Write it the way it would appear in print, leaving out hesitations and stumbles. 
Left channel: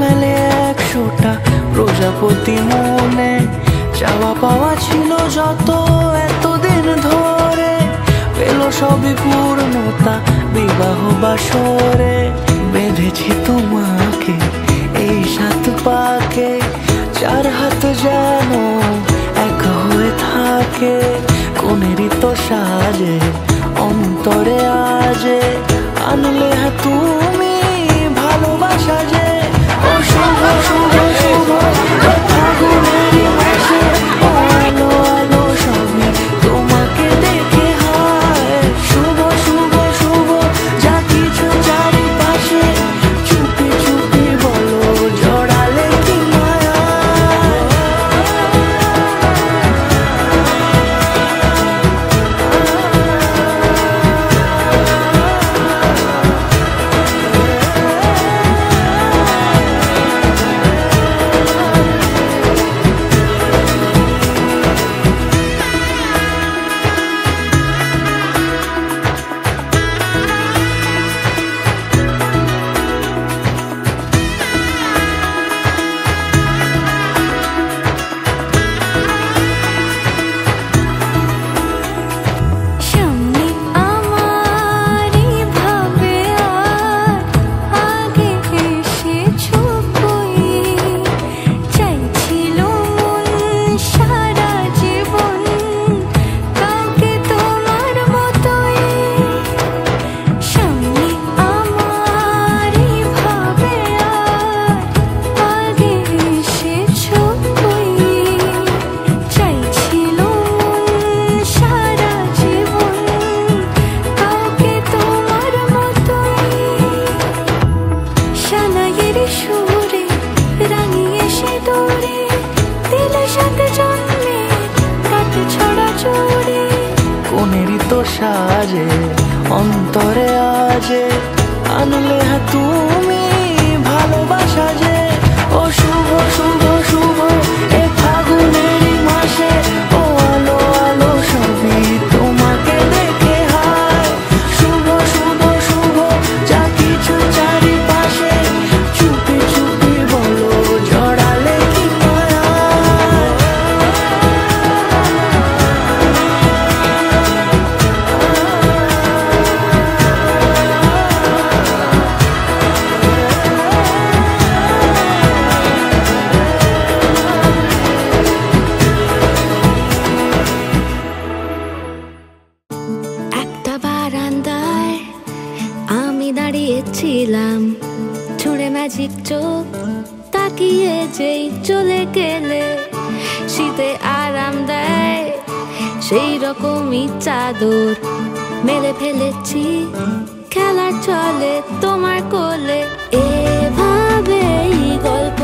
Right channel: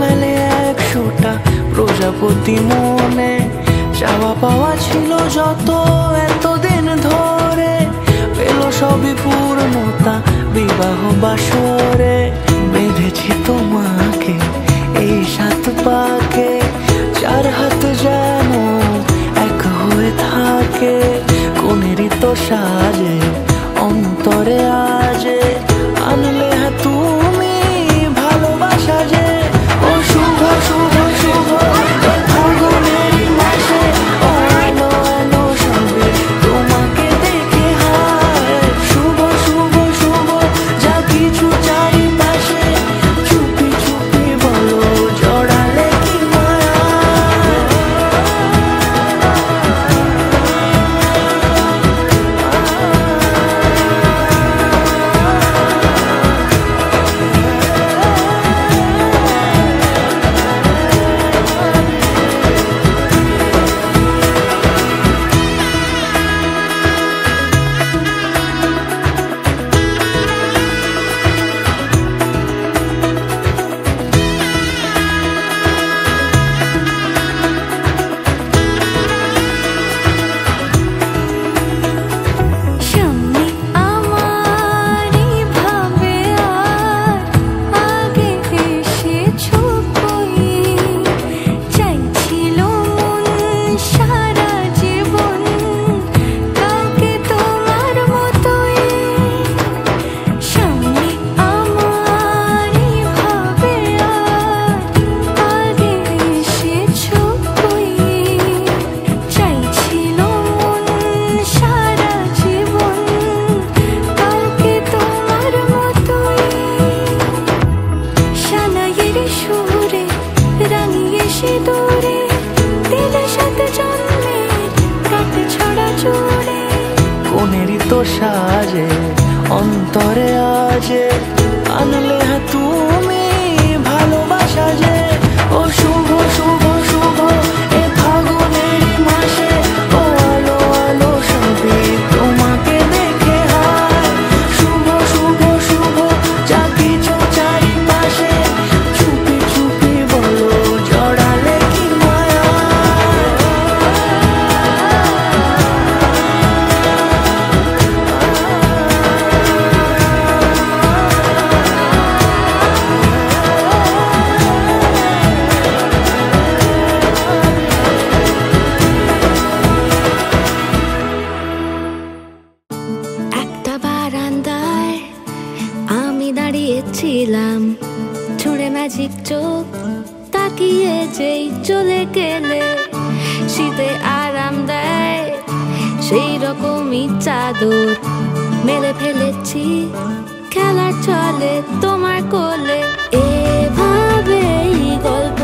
মেলে 100টা প্রজাপতি মনে, চাওয়া পাওয়া ছিল যত এতদিন ধরে, পেল সবই পূর্ণতা বিবাহ বাসরে। বেঁধেছি তোমাকে এই 7 পাকে, 4 হাত যেন এক হয়ে থাকে। কোনেরই তো সাজে অন্তরে আজে, আনলে হ্যাঁ তুমি ভালোবাসা যে। ও শুভ শুভ শুভ ফাগুনেরই মাসে, ও আলো আলো সবই তোমাকে দেখে হায়। শুভ শুভ শুভ যা কিছু চারিপাশে, চুপি চুপি বলো জড়ালে কি মায়া। কোনেরই তো সাজে অন্তরে আজে, আনলে হ্যাঁ তুমি ভালোবাসা যে। ও শুভ শুভ শুভ এ ফাগুনেরই মাসে, ও আলো আলো সবই তোমাকে দেখে হায়। শুভ শুভ শুভ যা কিছু চারিপাশে, চুপি চুপি বলো জড়ালে কি মায়া। ছিলাম ছুঁড়ে ম্যাজিক চোখ তাকিয়ে যেই চলে গেলে, শীতে আরাম দেয় সেই রকমই চাদর মেলে ফেলেছি খেলার চলে তোমার কোলে। এভাবেই গল্প